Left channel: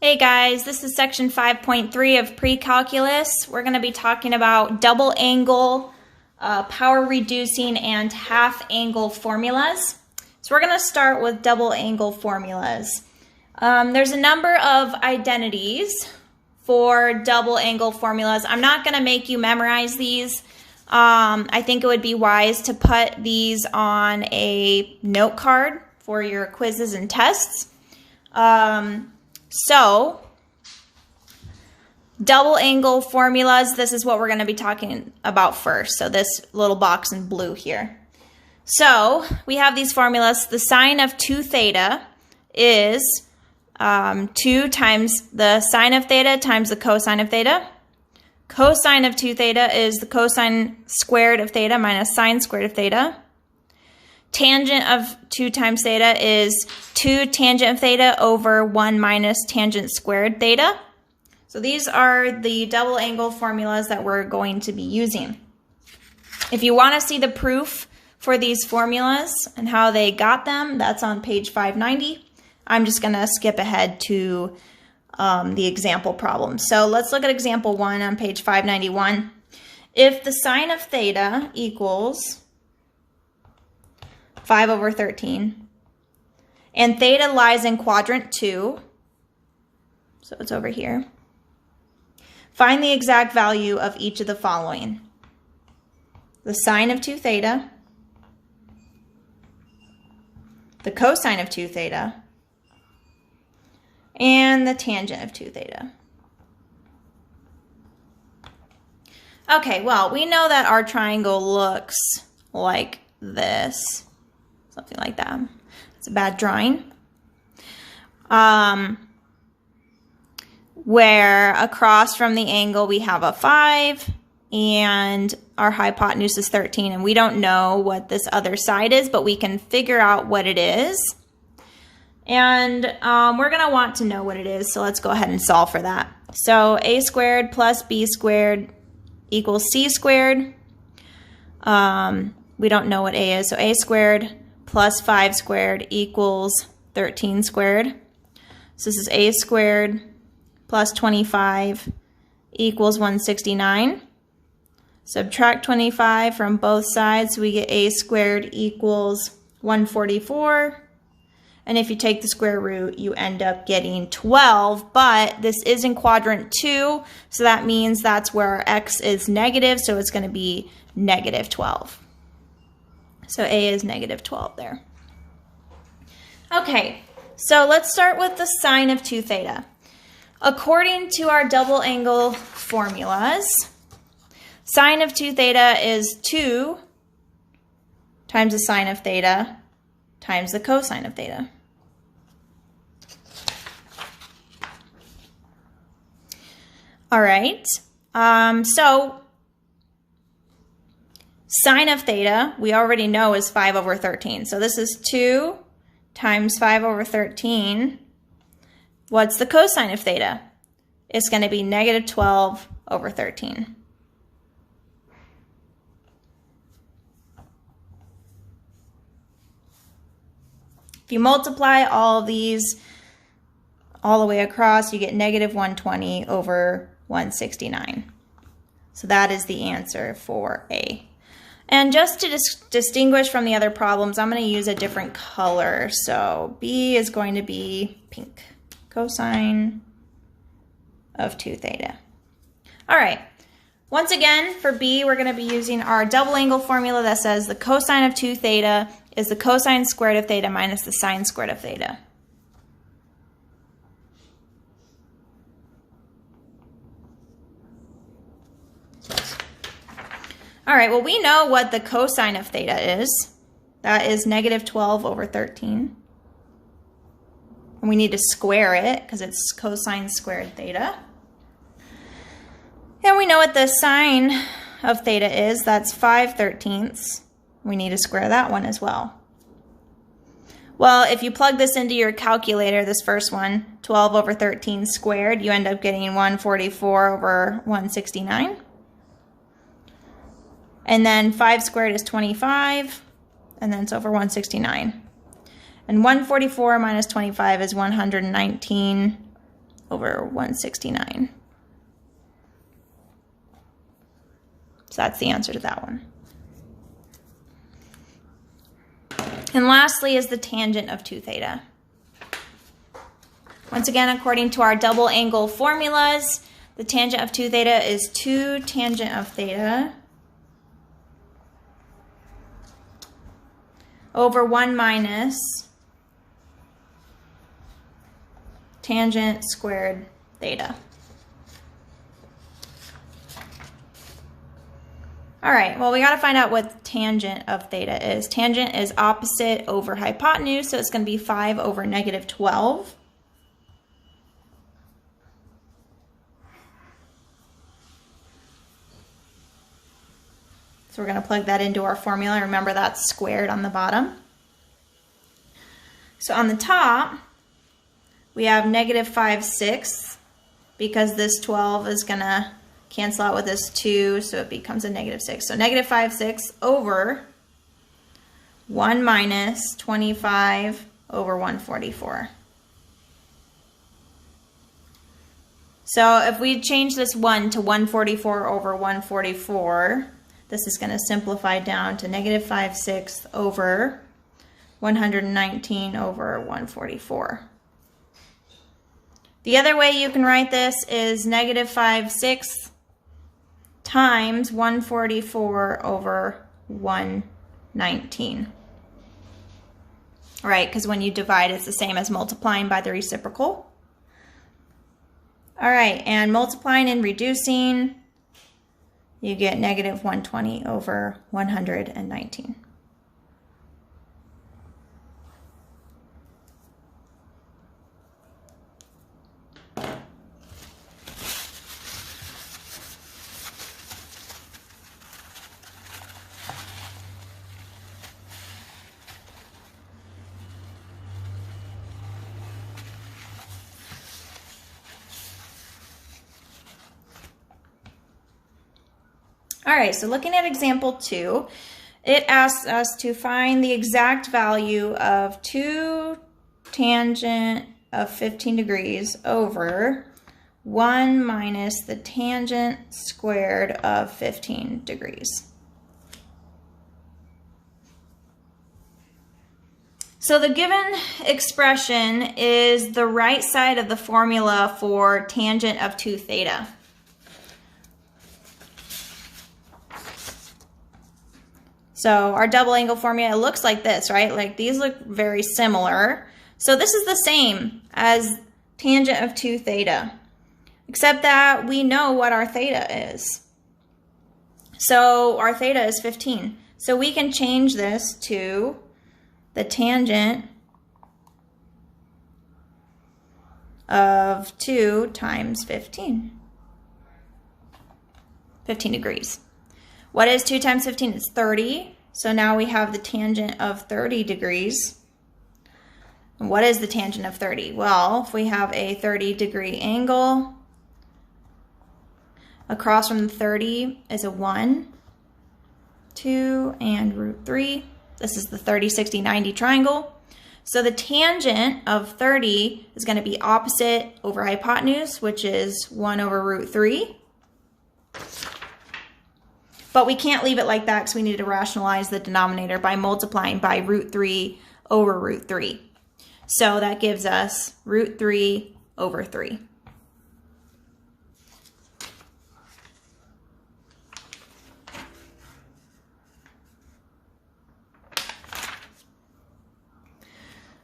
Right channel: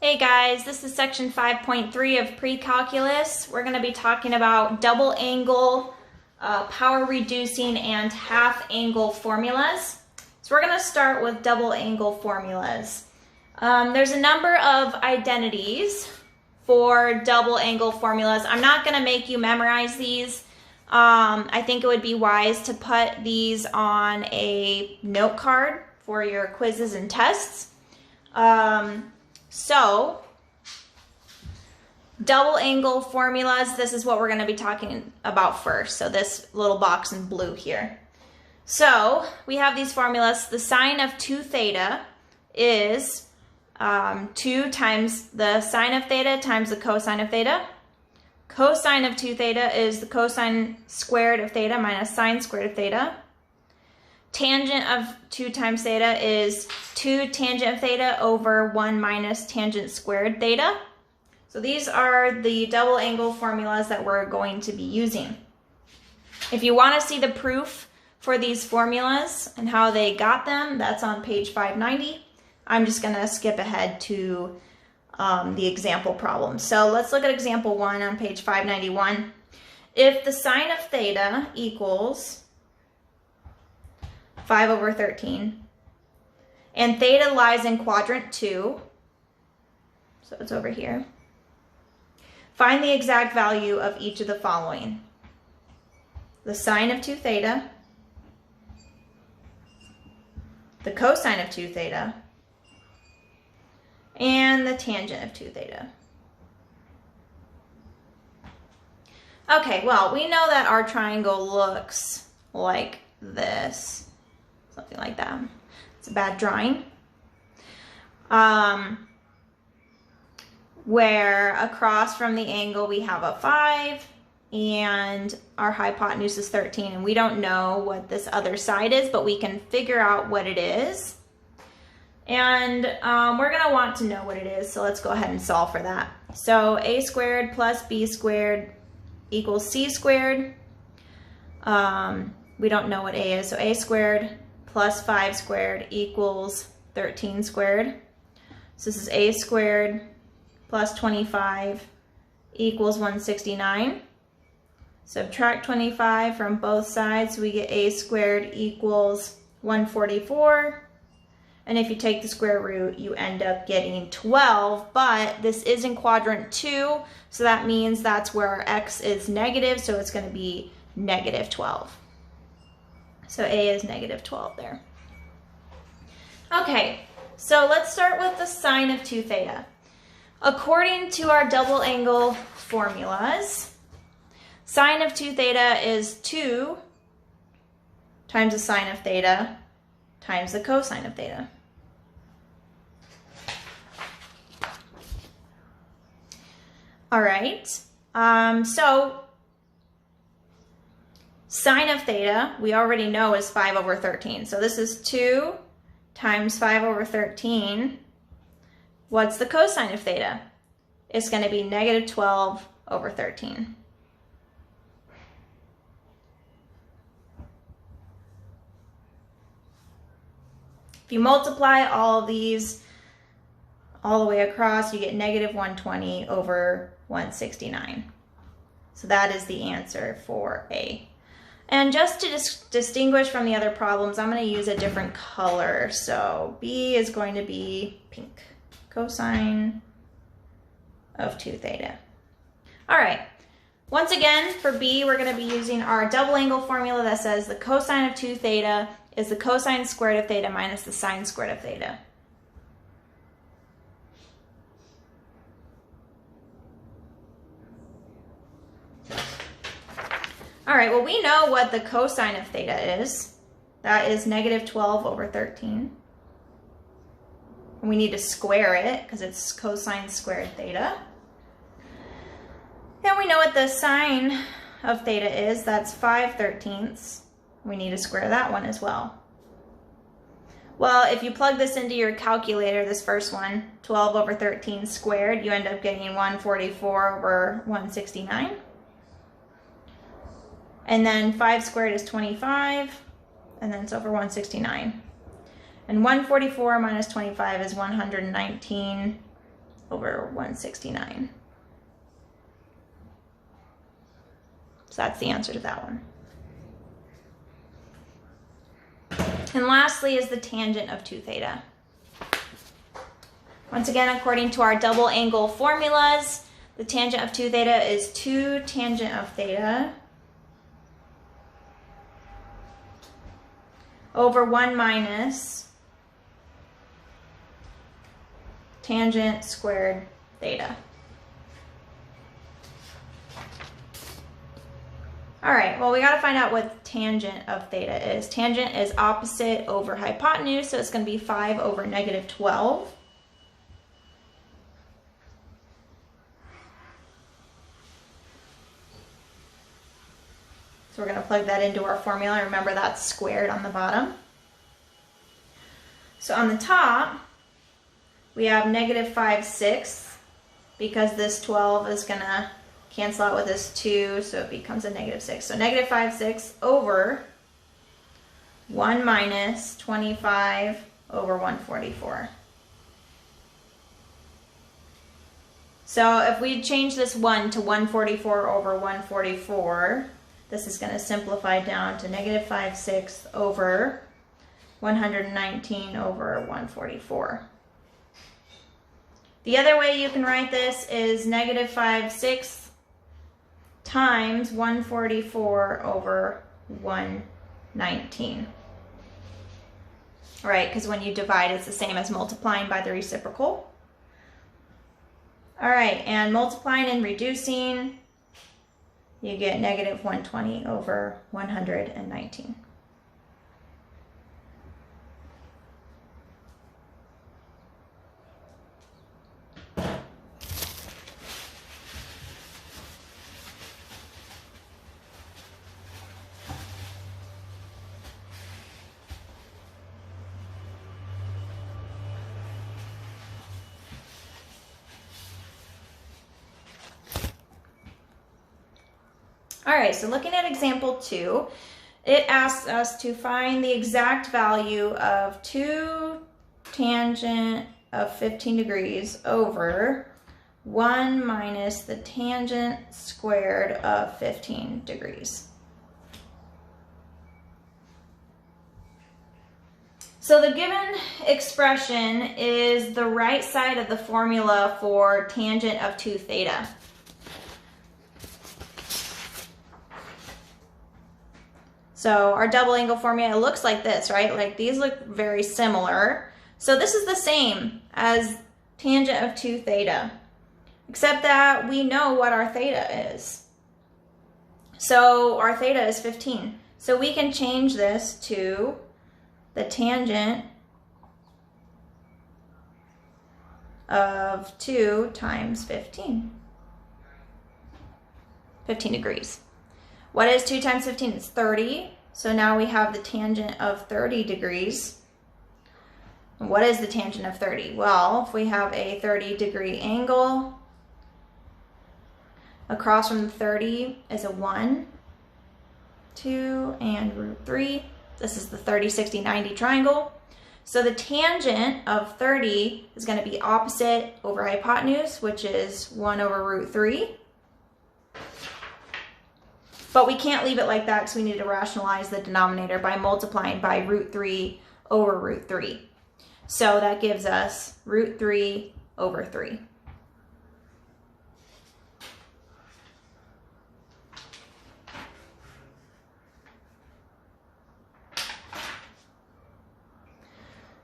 Hey guys, this is section 5.3 of pre-calculus. We're going to be talking about double angle, power reducing, and half angle formulas. So we're going to start with double angle formulas. There's a number of identities for double angle formulas. I'm not going to make you memorize these. I think it would be wise to put these on a note card for your quizzes and tests. So, double angle formulas, this is what we're going to be talking about first. So this little box in blue here. So, we have these formulas. The sine of 2 theta is 2 times the sine of theta times the cosine of theta. Cosine of 2 theta is the cosine squared of theta minus sine squared of theta. Tangent of 2 times theta is 2 tangent of theta over 1 minus tangent squared theta. So these are the double angle formulas that we're going to be using. If you want to see the proof for these formulas and how they got them, that's on page 590. I'm just going to skip ahead to the example problem. So let's look at example 1 on page 591. If the sine of theta equals 5 over 13, and theta lies in quadrant 2, so it's over here. Find the exact value of each of the following: the sine of 2 theta, the cosine of 2 theta, and the tangent of 2 theta. Okay, well, we know that our triangle looks like this. Something like that. It's a bad drawing. Where across from the angle we have a 5 and our hypotenuse is 13, and we don't know what this other side is, but we can figure out what it is. And we're going to want to know what it is, so let's go ahead and solve for that. So a squared plus b squared equals c squared. We don't know what a is, so a squared plus 5 squared equals 13 squared. So this is a squared plus 25 equals 169. Subtract 25 from both sides, so we get a squared equals 144. And if you take the square root, you end up getting 12, but this is in quadrant 2, so that means that's where our x is negative, so it's going to be negative 12. So a is negative 12 there. Okay, so let's start with the sine of 2 theta. According to our double angle formulas, sine of 2 theta is 2 times the sine of theta times the cosine of theta. All right, so sine of theta, we already know, is 5 over 13. So this is 2 times 5 over 13. What's the cosine of theta? It's going to be negative 12 over 13. If you multiply all of these all the way across, you get negative 120 over 169. So that is the answer for A. And just to distinguish from the other problems, I'm going to use a different color. So B is going to be pink. Cosine of 2 theta. All right. Once again, for B, we're going to be using our double angle formula that says the cosine of 2 theta is the cosine squared of theta minus the sine squared of theta. All right, well, we know what the cosine of theta is. That is negative 12 over 13. And we need to square it because it's cosine squared theta. And we know what the sine of theta is. That's 5/13. We need to square that one as well. Well, if you plug this into your calculator, this first one, 12 over 13 squared, you end up getting 144 over 169. And then 5 squared is 25, and then it's over 169. And 144 minus 25 is 119 over 169. So that's the answer to that one. And lastly is the tangent of 2 theta. Once again, according to our double angle formulas, the tangent of 2 theta is 2 tangent of theta over 1 minus tangent squared theta. All right, well, we got to find out what tangent of theta is. Tangent is opposite over hypotenuse, so it's going to be 5 over negative 12. So we're going to plug that into our formula. Remember, that's squared on the bottom. So on the top, we have negative 5/6 because this 12 is going to cancel out with this 2, so it becomes a negative 6. So negative 5/6 over 1 minus 25 over 144. So if we change this 1 to 144 over 144, this is going to simplify down to negative 5/6 over 119 over 144. The other way you can write this is negative 5/6 times 144 over 119. Right, because when you divide, it's the same as multiplying by the reciprocal. All right, and multiplying and reducing, you get negative 120 over 119. All right, so looking at example 2, it asks us to find the exact value of 2 tangent of 15 degrees over 1 minus the tangent squared of 15 degrees. So the given expression is the right side of the formula for tangent of 2 theta. So our double angle formula looks like this, right? Like these look very similar. So this is the same as tangent of 2 theta, except that we know what our theta is. So our theta is 15. So we can change this to the tangent of 2 times 15. 15 degrees. What is 2 times 15? It's 30. So now we have the tangent of 30 degrees. And what is the tangent of 30? Well, if we have a 30-degree angle, across from the 30 is a 1, 2, and root 3. This is the 30, 60, 90 triangle. So the tangent of 30 is going to be opposite over hypotenuse, which is 1 over root 3. But we can't leave it like that because we need to rationalize the denominator by multiplying by root 3 over root 3. So that gives us root 3 over 3.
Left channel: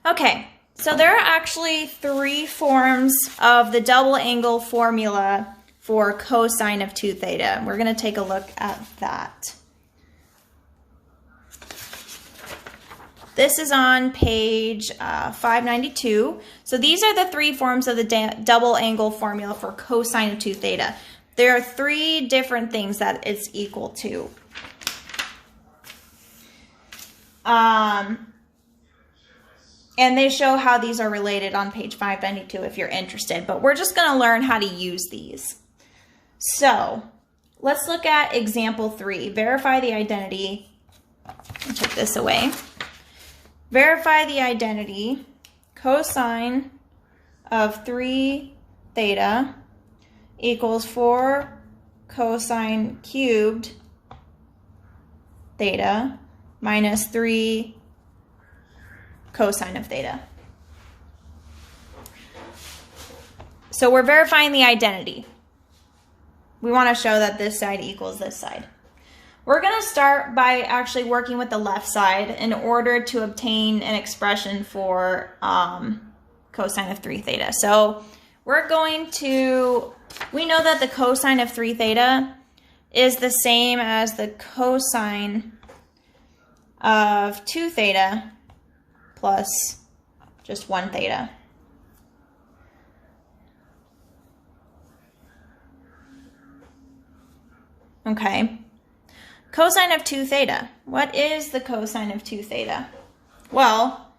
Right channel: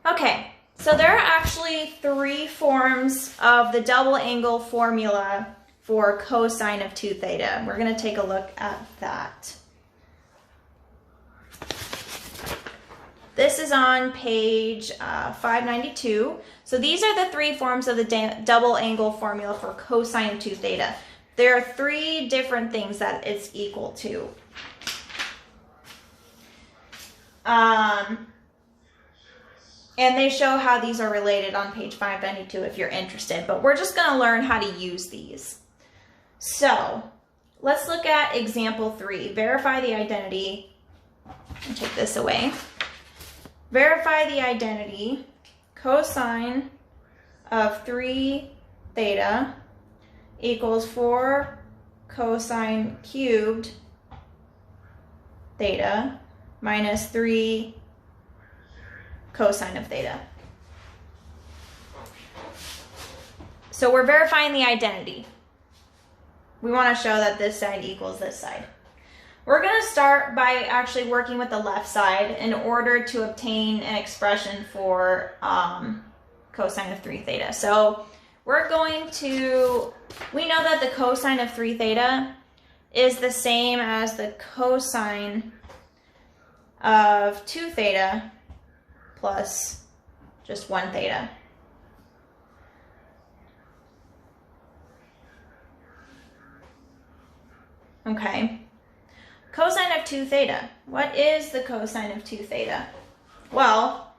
Okay, so there are actually 3 forms of the double angle formula for cosine of 2 theta. We're going to take a look at that. This is on page 592. So these are the 3 forms of the double angle formula for cosine of 2 theta. There are 3 different things that it's equal to. And they show how these are related on page 592 if you're interested, but we're just going to learn how to use these. So let's look at example 3. Verify the identity. I'll take this away. Verify the identity. Cosine of 3 theta equals 4 cosine cubed theta minus 3 cosine of theta. So we're verifying the identity. We want to show that this side equals this side. We're going to start by actually working with the left side in order to obtain an expression for cosine of 3 theta. So we're going to, we know that the cosine of 3 theta is the same as the cosine of 2 theta plus just 1 theta. Okay. Cosine of 2 theta. What is the cosine of 2 theta? Well,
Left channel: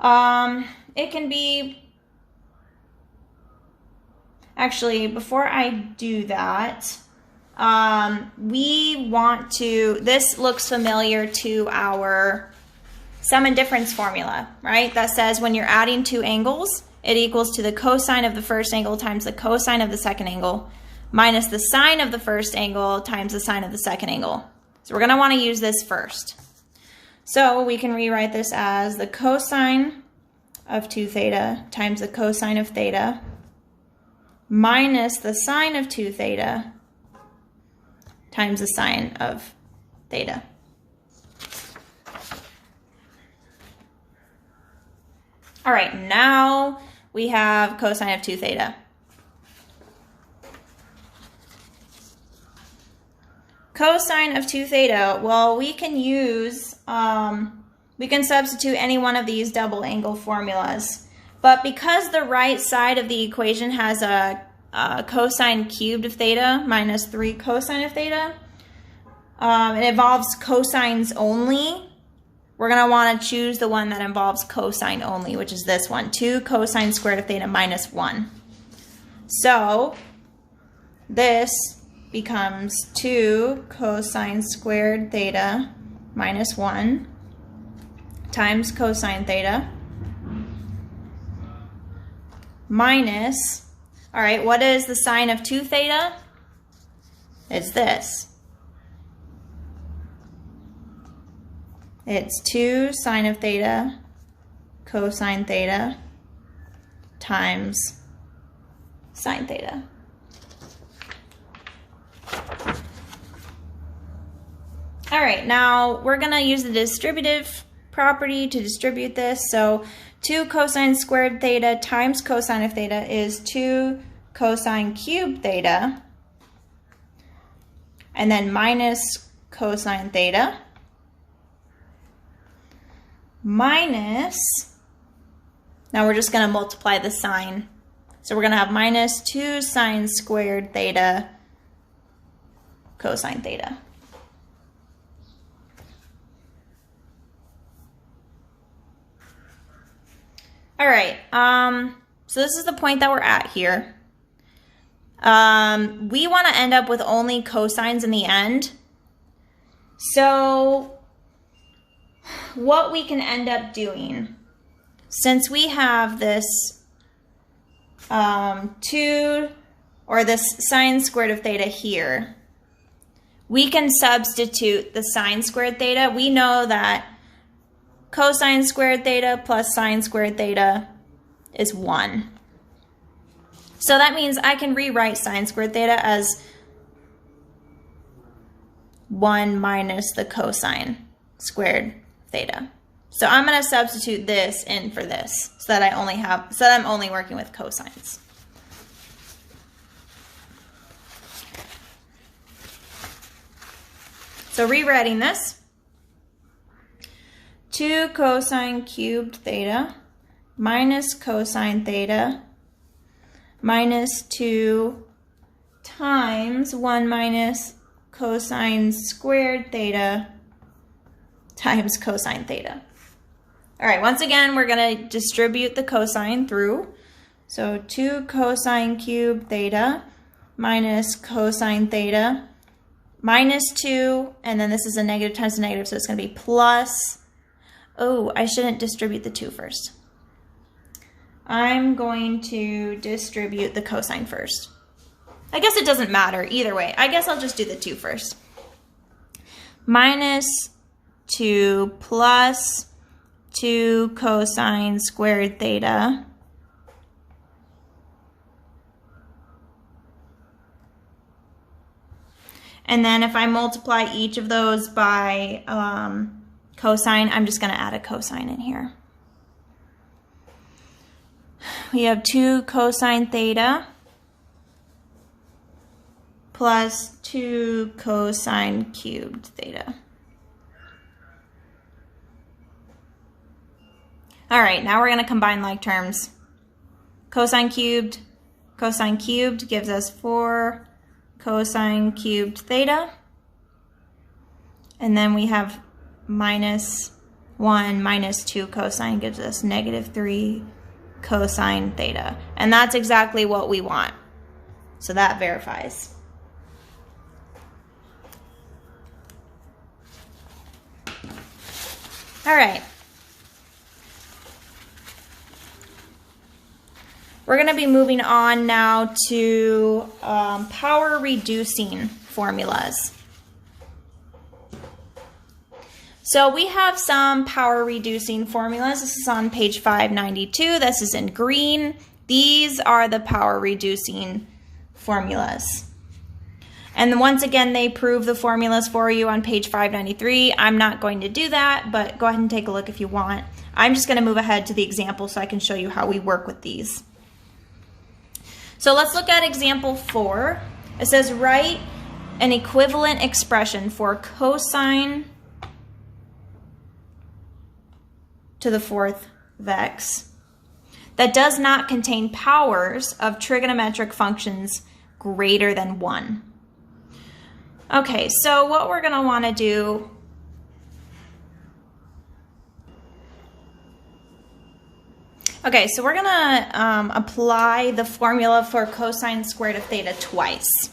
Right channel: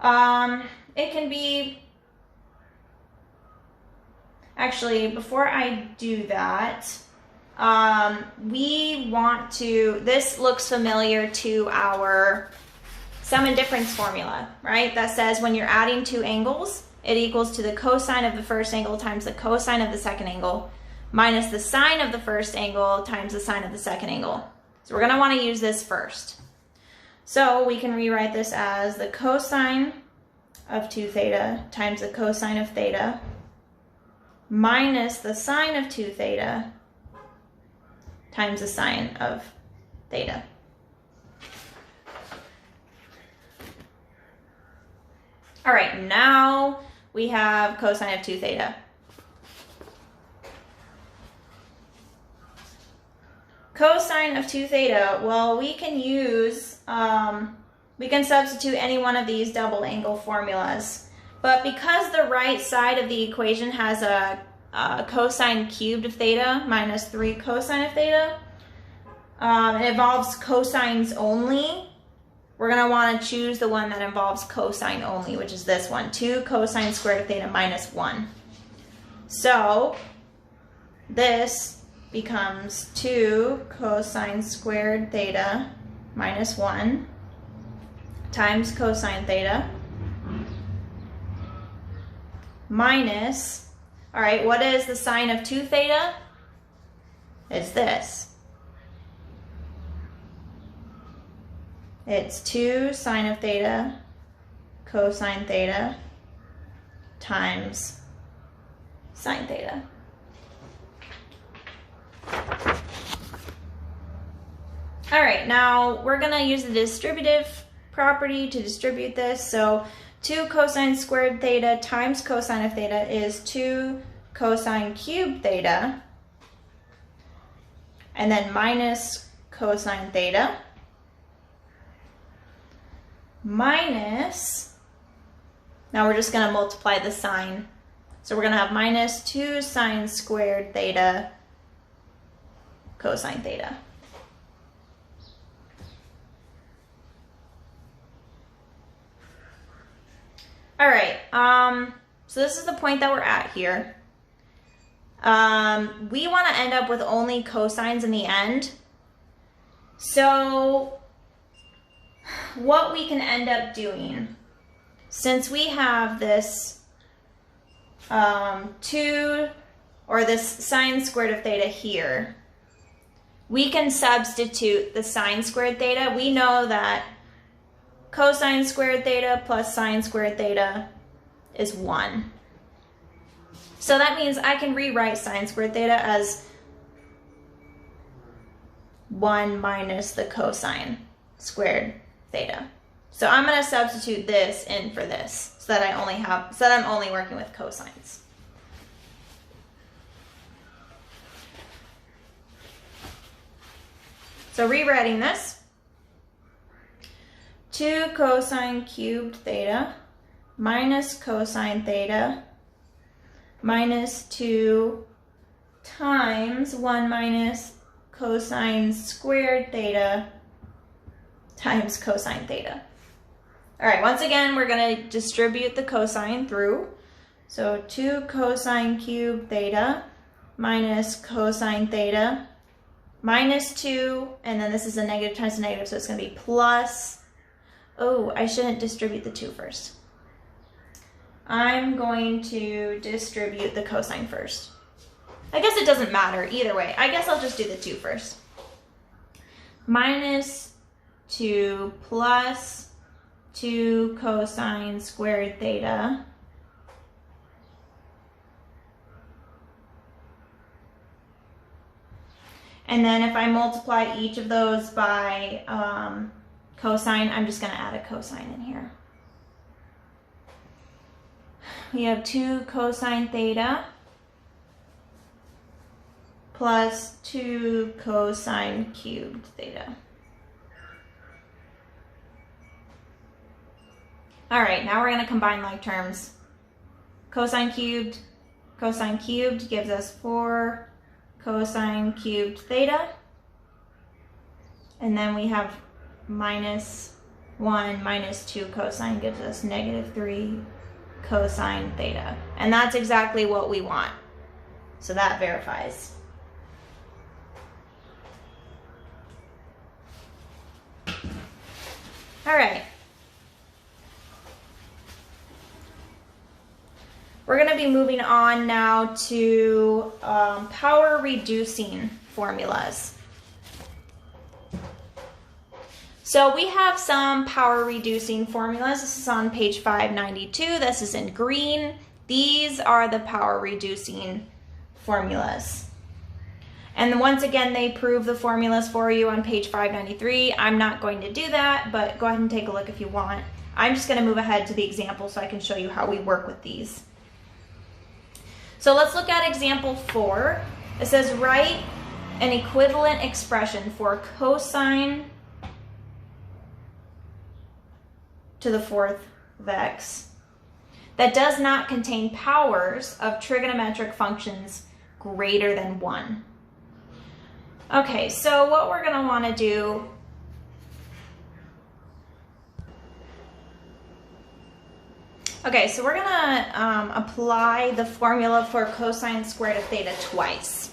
it can be, actually, before I do that, we want to, this looks familiar to our sum and difference formula, right? That says when you're adding two angles, it equals to the cosine of the first angle times the cosine of the second angle minus the sine of the first angle times the sine of the second angle. So we're going to want to use this first. So we can rewrite this as the cosine of 2 theta times the cosine of theta minus the sine of 2 theta times the sine of theta. All right, now we have cosine of 2 theta. Cosine of 2 theta, well, we can use, we can substitute any one of these double angle formulas. But because the right side of the equation has a cosine cubed of theta minus 3 cosine of theta, it involves cosines only, we're going to want to choose the one that involves cosine only, which is this one, 2 cosine squared of theta minus 1. So this becomes 2 cosine squared theta minus 1 times cosine theta minus, all right, what is the sine of 2 theta? It's this. It's 2 sine of theta cosine theta times sine theta. All right, now we're going to use the distributive property to distribute this. So 2 cosine squared theta times cosine of theta is 2 cosine cubed theta, and then minus cosine theta minus, now we're just going to multiply the sine. So we're going to have minus 2 sine squared theta cosine theta. All right, so this is the point that we're at here. We want to end up with only cosines in the end. So what we can end up doing, since we have this 2, or this sine squared of theta here, we can substitute the sine squared theta. We know that cosine squared theta plus sine squared theta is 1. So that means I can rewrite sine squared theta as 1 minus the cosine squared theta. So I'm going to substitute this in for this so that I'm only working with cosines. So rewriting this, 2 cosine cubed theta minus cosine theta minus 2 times 1 minus cosine squared theta times cosine theta. All right, once again, we're going to distribute the cosine through. So 2 cosine cubed theta minus cosine theta minus 2, and then this is a negative times a negative, so it's going to be plus, oh, I shouldn't distribute the 2 first. I'm going to distribute the cosine first. I guess it doesn't matter either way. I guess I'll just do the 2 first. Minus 2 plus 2 cosine squared theta and then if I multiply each of those by cosine, I'm just going to add a cosine in here. We have 2 cosine theta plus 2 cosine cubed theta. All right, now we're going to combine like terms. Cosine cubed gives us 4 cosine cubed theta. And then we have minus 1 minus 2 cosine gives us negative 3 cosine theta. And that's exactly what we want. So that verifies. All right. We're going to be moving on now to power reducing formulas. So we have some power reducing formulas. This is on page 592. This is in green. These are the power reducing formulas. And once again, they prove the formulas for you on page 593. I'm not going to do that, but go ahead and take a look if you want. I'm just going to move ahead to the example so I can show you how we work with these. So let's look at example 4. It says write an equivalent expression for cosine to the 4th of x that does not contain powers of trigonometric functions greater than 1. Okay, so what we're going to want to do so we're going to apply the formula for cosine squared of theta twice.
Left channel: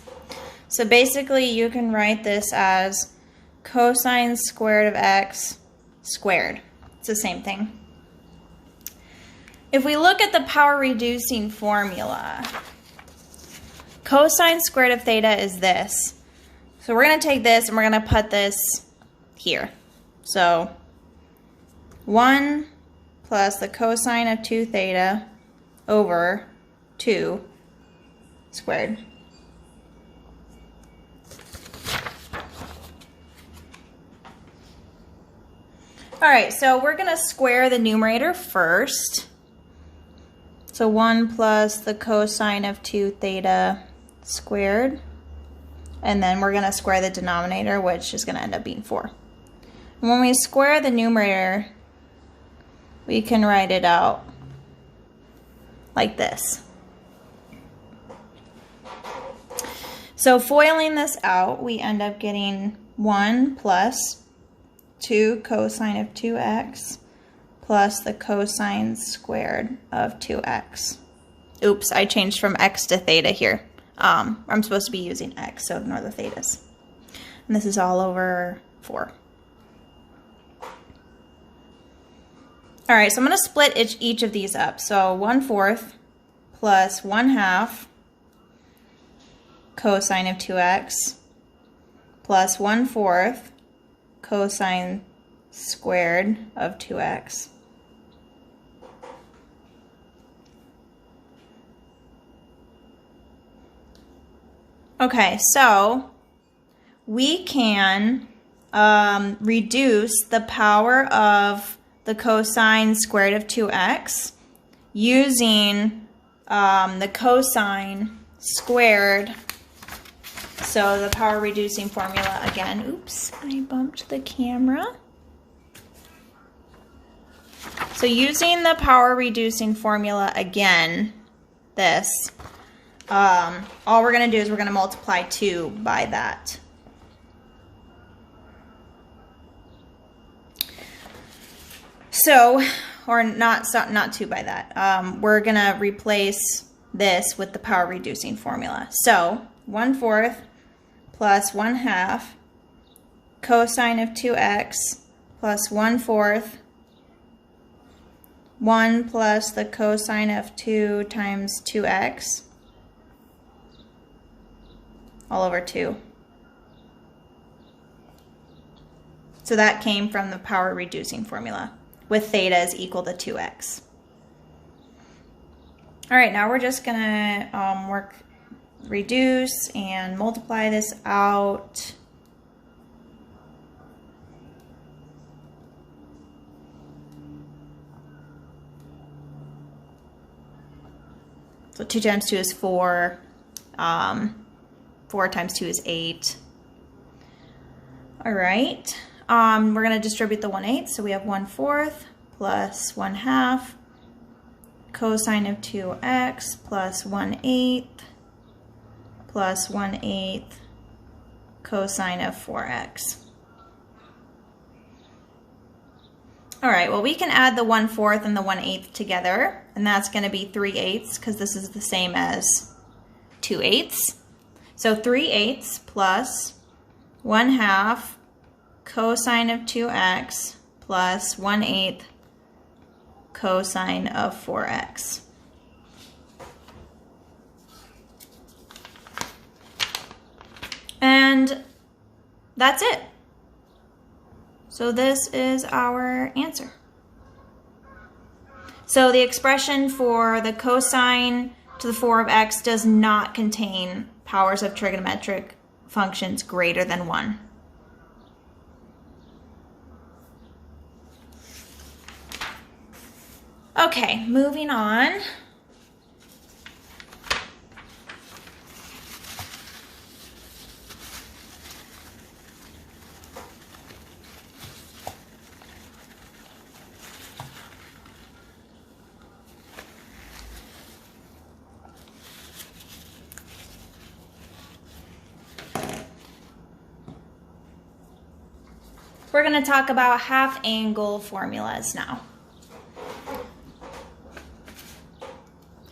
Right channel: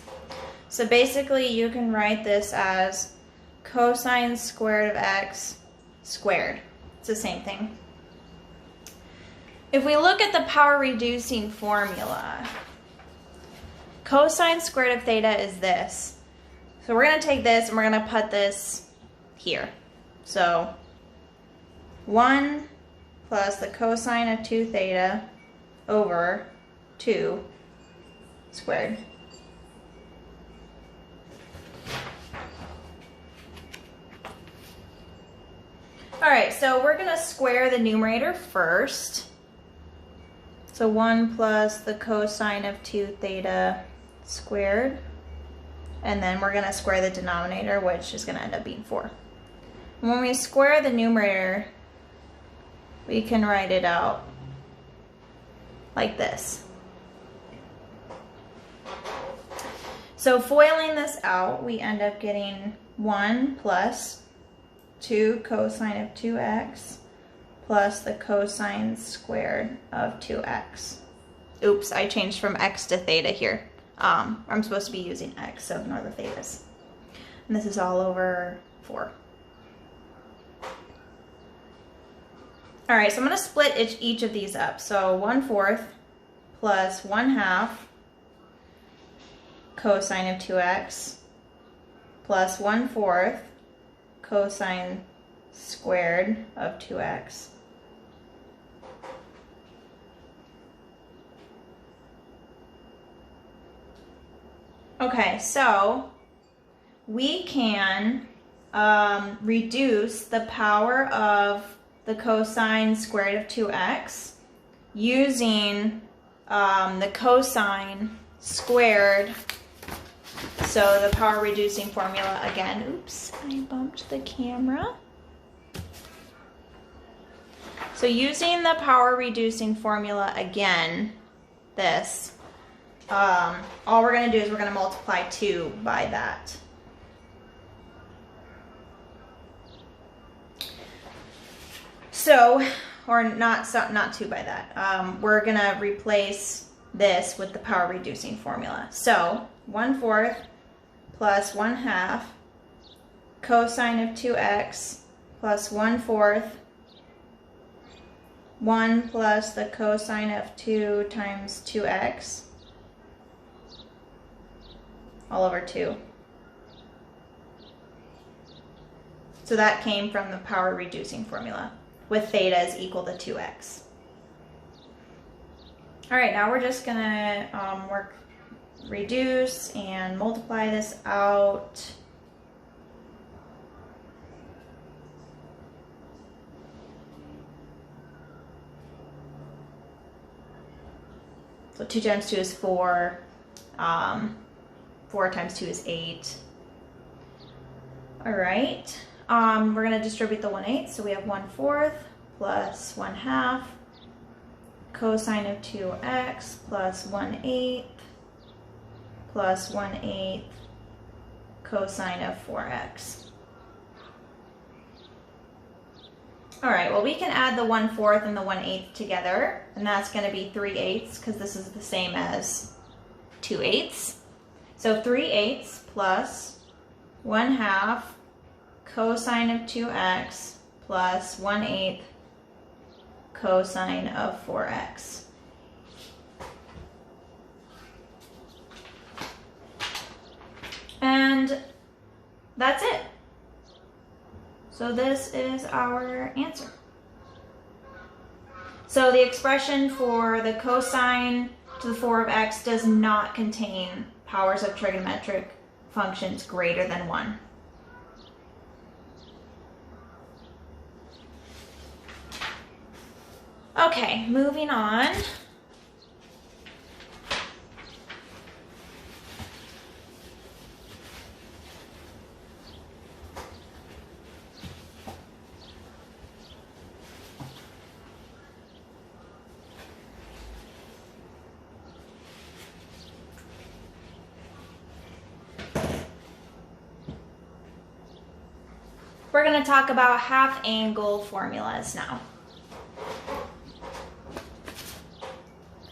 So basically you can write this as cosine squared of x squared. It's the same thing. If we look at the power reducing formula, cosine squared of theta is this. So we're going to take this and we're going to put this here. So 1 plus the cosine of 2 theta over 2 squared. All right, so we're going to square the numerator first. So 1 plus the cosine of 2 theta squared. And then we're going to square the denominator, which is going to end up being 4. And when we square the numerator, we can write it out like this. So foiling this out, we end up getting 1 plus 2 cosine of 2x plus the cosine squared of 2x. Oops, I changed from x to theta here. I'm supposed to be using x, so ignore the thetas. And this is all over 4. All right, so I'm going to split each of these up. So 1/4 plus 1/2 cosine of 2x plus 1/4 cosine squared of 2x. Okay, so we can reduce the power of the cosine squared of 2x using the cosine squared. So the power reducing formula again. Oops, I bumped the camera. So using the power reducing formula again, this, all we're going to do is we're going to multiply 2 by that. So, or not 2 by that. We're going to replace this with the power reducing formula. So 1/4 plus 1/2 cosine of 2x plus 1/4 1 plus the cosine of 2 times 2x all over 2. So that came from the power reducing formula with theta is equal to 2x. All right, now we're just gonna reduce and multiply this out. So 2 times 2 is 4. 4 times 2 is 8. All right. We're going to distribute the 1/8. So we have 1/4 plus 1/2 cosine of 2x plus 1/8 plus 1/8 cosine of 4x. All right, well, we can add the 1/4 and the 1/8 together, and that's going to be 3/8 because this is the same as 2/8. So 3/8 plus 1/2 cosine of 2x plus 1/8 cosine of 4x. And that's it. So this is our answer. So the expression for the cosine to the 4 of x does not contain powers of trigonometric functions greater than 1. Okay, moving on. We're going to talk about half angle formulas now.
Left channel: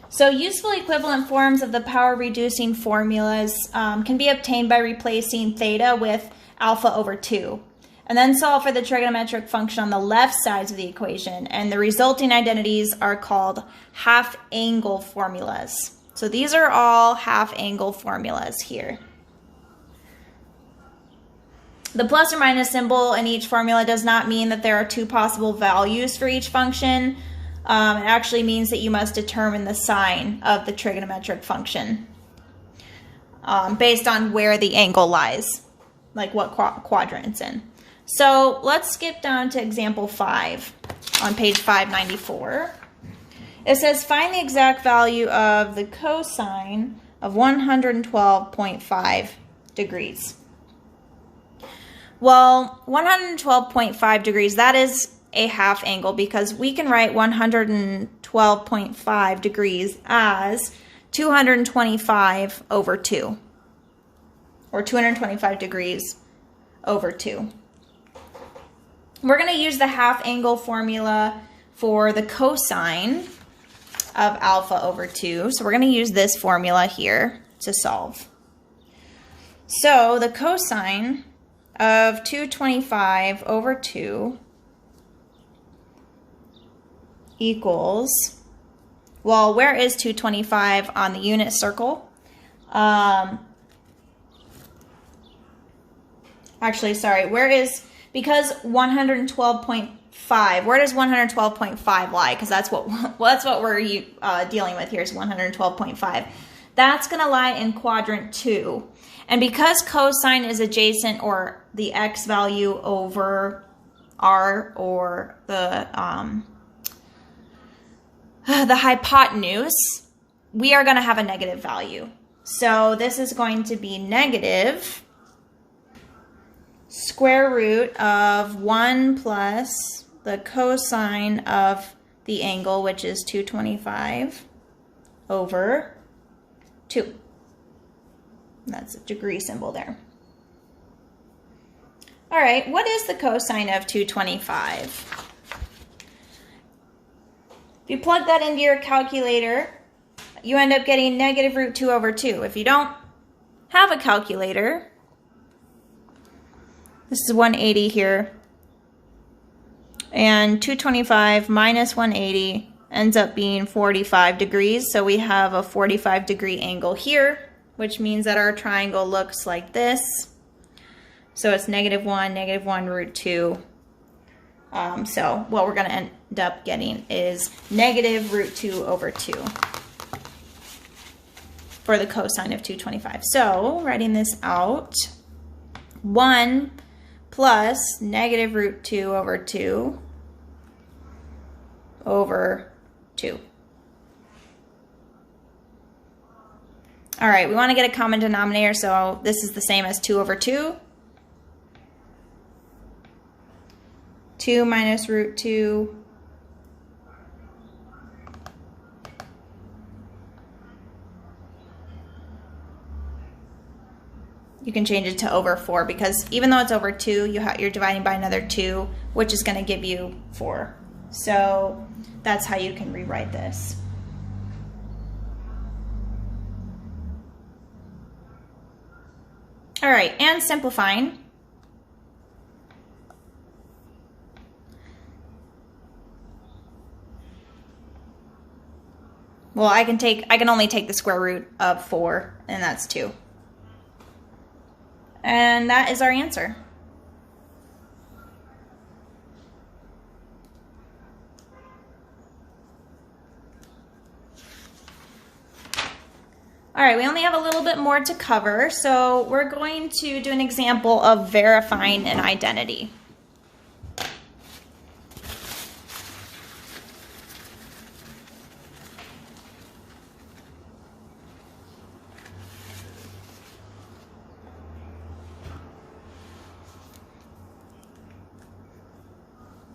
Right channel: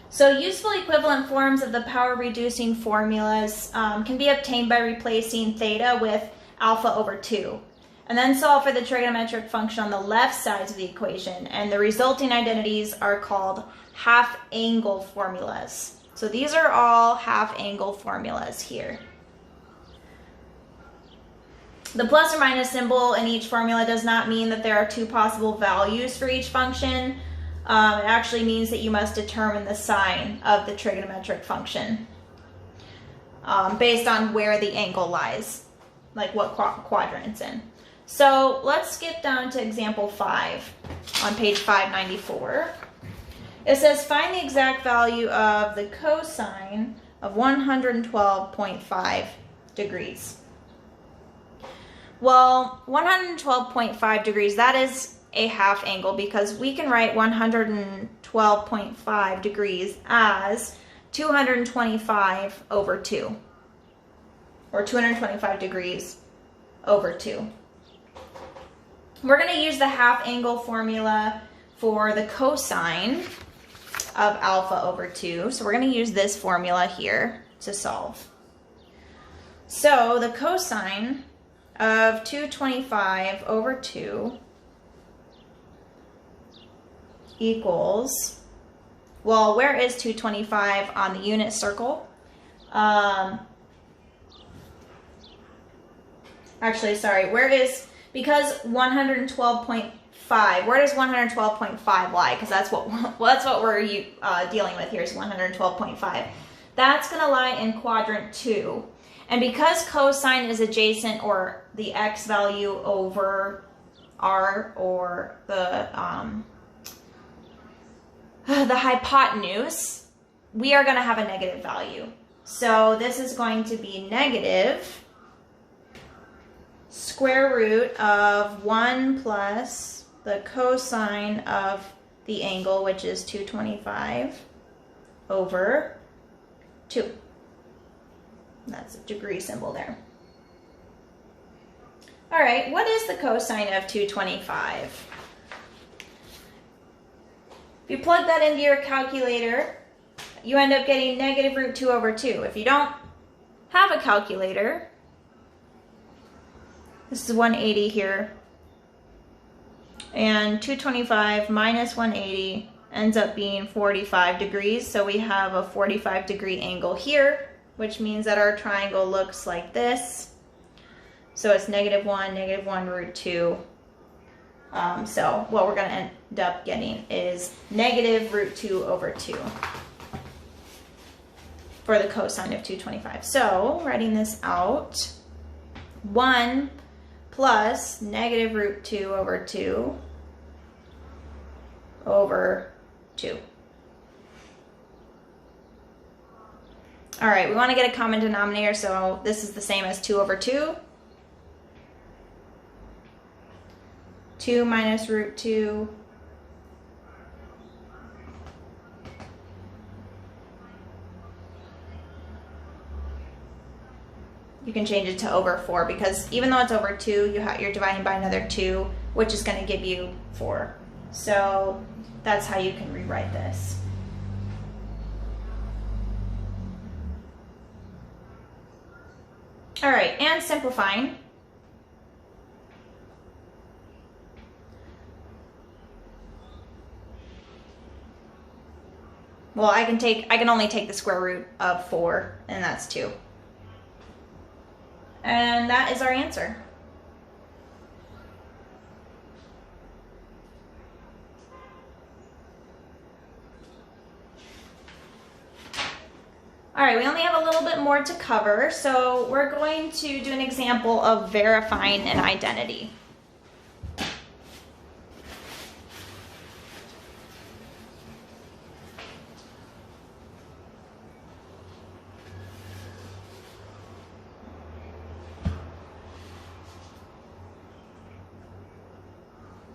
So useful equivalent forms of the power reducing formulas can be obtained by replacing theta with alpha over 2, and then solve for the trigonometric function on the left sides of the equation, and the resulting identities are called half angle formulas. So these are all half angle formulas here. The plus or minus symbol in each formula does not mean that there are 2 possible values for each function. It actually means that you must determine the sign of the trigonometric function based on where the angle lies, like what quadrant it's in. So let's skip down to example 5 on page 594. It says find the exact value of the cosine of 112.5 degrees. Well, 112.5 degrees, that is a half angle because we can write 112.5 degrees as 225 over 2, or 225 degrees over 2. We're going to use the half angle formula for the cosine of alpha over 2. So we're going to use this formula here to solve. So the cosine of 225 over 2 equals, well, where is 225 on the unit circle? Actually, sorry, where is, because 112.5, where does 112.5 lie? Because that's what we're dealing with here is 112.5. That's going to lie in quadrant 2. And because cosine is adjacent, or the x value over r, or the hypotenuse, we are going to have a negative value. So this is going to be negative square root of 1 plus the cosine of the angle, which is 225 over 2. That's a degree symbol there. All right, what is the cosine of 225? If you plug that into your calculator, you end up getting negative root 2 over 2. If you don't have a calculator, this is 180 here. And 225 minus 180 ends up being 45 degrees. So we have a 45 degree angle here, which means that our triangle looks like this. So it's -1 root 2. So what we're going to end up getting is -√2/2 for the cosine of 225. So writing this out, 1 plus -√2/2 over 2. All right, we want to get a common denominator, so this is the same as 2/2. 2 minus √2 . You can change it to over 4 because even though it's over 2, you're dividing by another 2, which is going to give you 4. So that's how you can rewrite this. All right, and simplifying. Well, I can only take the square root of 4, and that's 2. And that is our answer. All right, we only have a little bit more to cover, so we're going to do an example of verifying an identity.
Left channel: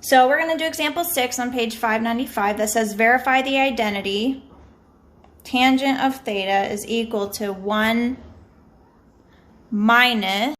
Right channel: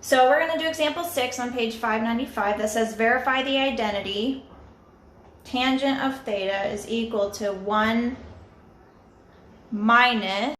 So we're going to do example 6 on page 595 that says verify the identity. Tangent of theta is equal to 1 minus